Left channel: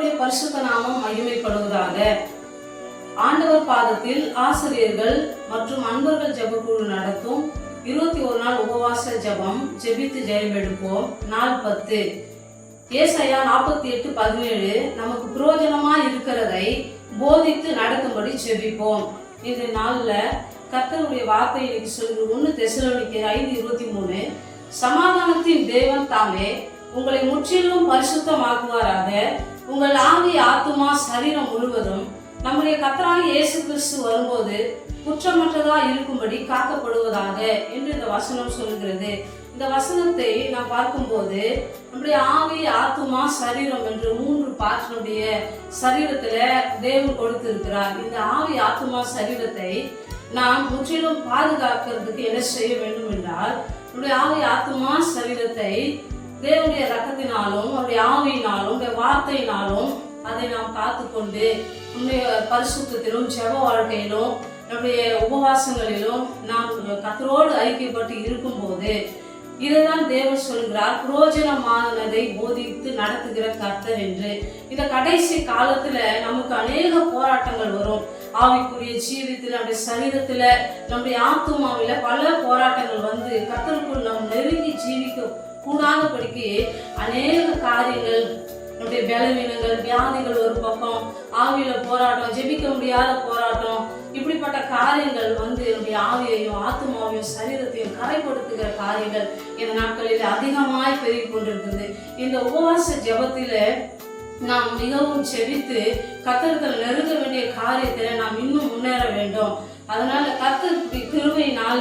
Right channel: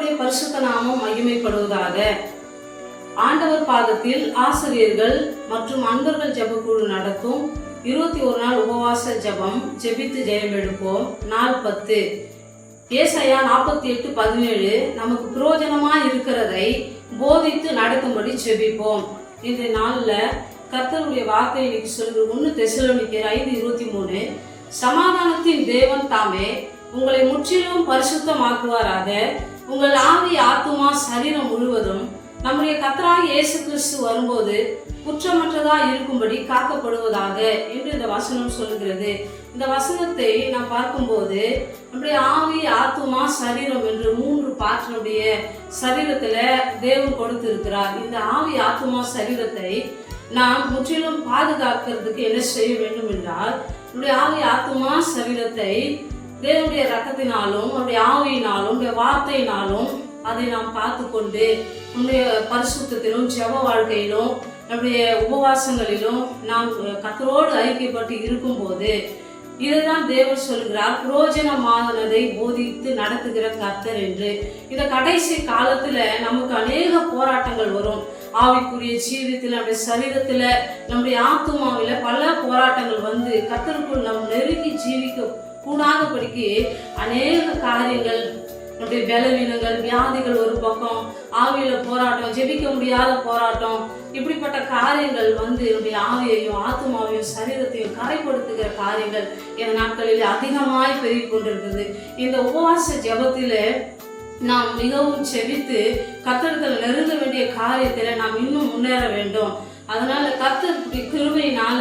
பரிசுத்த நாமம் மகிமைப்படுவதாக. ஆண்டவர் பாதத்தில் ஆசிரியர்கள் மற்றும் அன்பர்கள் ஜபக்குழு நடத்தும் இருபத்தி ஒரு நாள் உபவாச ஜெபம் ஜெபித்து ஜெயம் எடுப்போம். நாள் பத்து. ஏசையா நாற்பத்தி எட்டு பதினேழு நமக்கு புரோஜனமா இருக்கிறதை போதித்து நடக்கும்படி ஜெபிப்போம். இந்த நாள்ல கர்த்தருடைய வார்த்தை இன்னைக்கு சொல்லுது ஒன்று தெசலோனிக்கர் ஐந்து இருபத்தி மூணு சமாதானத்தின் தேவன் தாமே உங்களை முற்றிலும் பரிசுத்தமாக்குவாராக. உங்கள் ஆவி ஆத்துமா சரீரம் முழுவதும் நம்முடைய கத்தராக இயேசு கிறிஸ்து வரும்போது குற்றமற்றதா இருக்கும்படி காக்கப்படுவதாக என்று இந்த வசனம் சொல்லுகிறது. இந்த வசனத்தை நாம் பார்க்கும்போது நம்முடைய ஆவி ஆத்துமா சரீரம் என்று மூன்று பாற்றினுடைய சரீரத்துல தேவன் கொடுத்திருக்கிறார். இந்த ஆவி ஆத்துமா சரீரத்தை நாம் முற்றிலும் பாதுகாக்கிறதுக்கு என்ன செய்ய வேண்டும் என்றால் நம்முடைய ஆவி ஆத்துமா சரீரத்தை தேவனுடைய ரத்தத்தினாலும் அவருடைய ஆவியினாலும் வார்த்தையினாலும் அதை நாம் காத்துக்கொண்டு நம்முடைய பரிசுத்திலும் ஜெப வாழ்க்கையிலும் நம்முடைய உபவாசங்களிலும் நாம் கத்தரோடு ஐக்கியப்பட்டு இருக்கும்போது இதுதான் தேவர் சொல்கிறார். புரோஜனமானதை போதித்து நடத்துகிற கர்த்தர் என்று. இந்த கடைசி காலத்துல நமக்கு அநேக போராட்டங்கள் வரும். ஆவிக்குரிய ஜீவியத்தில் நம்முடைய சரீரத்துல நம்முடைய ஆத்துமாவில பல போராட்டங்கள் வந்து கத்தருக்குள் நாம் நெருங்கி ஜீவி கூடாதபடிக்கு அநேக காரியங்கள் நம்முடைய பலவீனங்கள் வியாதிகள் ஒரு பக்கம் ஆவியில போராட்டம் ஜெபிக்க முடியாத போராட்டம் இப்படிப்பட்ட காரியங்கள் வந்து என்னுடைய ஆவியையும் ஆத்மாவையும் சரீரத்தையும் கரைப்படுத்துகிற காரியங்கள் என் நாட்களில் அதிகமாய் பெருகி கொண்டிருக்குது இந்த உபவாச ஜெபத்தில நாம் மிகவும் செபித்து கத்தர்கள் நெருங்க வேண்டிய காரியத்தில் நாம் இன்னும் முன்னேற வேண்டும். அதனால கத்தர் கிருமையினால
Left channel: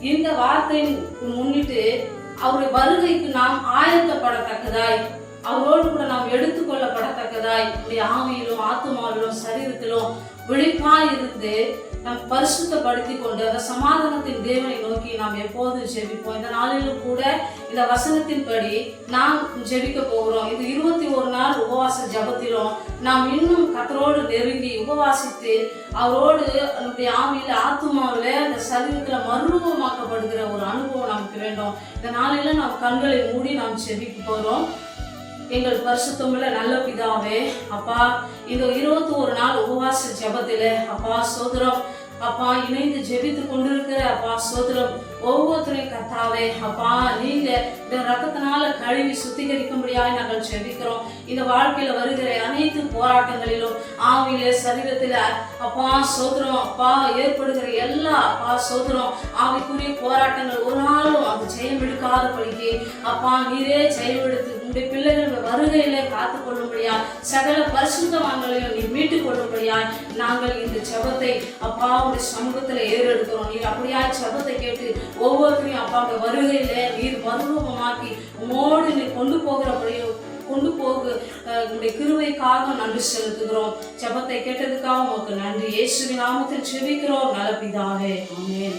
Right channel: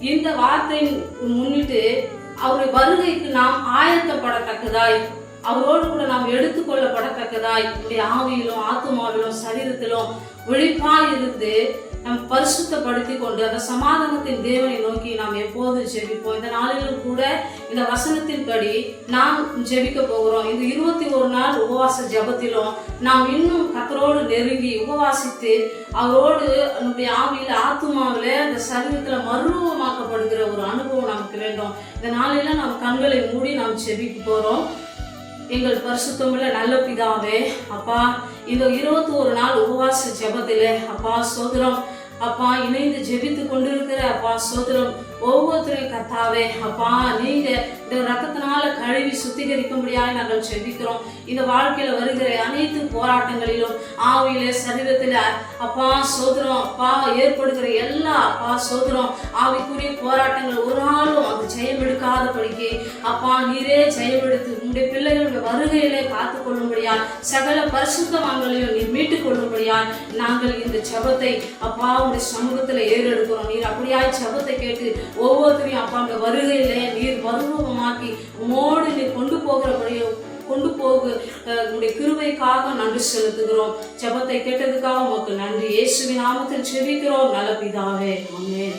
இந்த வார்த்தையை முன்னிட்டு அவருடைய வருகைக்கு நாம் ஆயத்தப்படத்தக்கதாய் அவரோடு கூட நாம் எடுத்துக்கொள்ளப்படத்தக்கதாய் ஆவியிலும் ஆத்மாவிலும் சரீரத்திலும் விழிப்பாய் இருந்து நாம் பரிசுத்தப்படுத்தி கொண்டு அந்த சமாதானத்தின் தேவனை நோக்கி நாம் எப்போது ஜெபிப்போம். இந்த நாளிலும் கூட இந்த வசனத்தின்படி நாம் ஜெபிக்க போகிறோம். இந்த இருபத்தி உபவாச ஜபத்திலும் நாம் இன்னும் கத்தரோடு நெருங்கி உபவாசித்து அவரோடு நம்முடைய ஆவியில் ஆத்மாவில் இந்த சரீரத்தில் மருவமாக்கப்படுகிற ஒரு அனுபவம் நமக்கு வேண்டும். இந்த நாளில நாம் கண்களை மூடி நாம் செவிக்கு போகிறோம் எங்கள் பரிசுத்தமுள்ள நல்ல பிதாவே அப்பா இந்த இருபத்தி ஒரு நாள் உபவாச ஜெபத்திலே அப்பா சோதரம் அப்பா இணைந்து ஜெபித்து கொண்டிருக்கிற அப்பா சோதரம் ஒவ்வொருத்தரையும் கத்தாவே. அப்பா நீங்க இந்த ரத்தத்தினால கழுவி சுத்திகரிக்கும்படியாக நாங்கள் ஜெபிக்கிறோம். இந்த வாழ்க்கையில வருகிற அனைத்து போராட்டங்களிலும் ஆவியில சரீரத்துல அப்பா சோதரம் அப்பா ஏற்படுகிற எல்லா அப்பா சோதரம் ஆவிக்குரிய போராட்டங்கள் ஒரு நாளும் அது ஜெயம் எடுக்காதபடிக்கு அப்பா நீரே ஜெயமெடுத்து உங்களுடைய பிள்ளைகளுடைய வருகையிலே காத்து கொள்ளும்படியால் சகல பரிசுத்தவான்களையும் நீ மீட்டுக் கொள்ளும்படியால் நாங்கள் இந்த சபத்தை அப்பா உடைய சமூகத்துல ஏறெடுக்கிறோம். நீர் அப்படியாய் சபத்தை கேட்டு ஒவ்வொருத்தரையும் அப்பா உடைய நீர் பருவமாக்கி மோடு நீ கொண்டு போகிறபடியோ கொண்டு போக உங்களுடைய கிருவைக்காக நன்றி செலுத்துகிறோம். ஜெபத்தை கேட்டதுக்காக உமக்கு நன்றி. இயேசுவின் நாமத்தில் செபிக்கிறோம். நல்ல பிதாவே அமேன்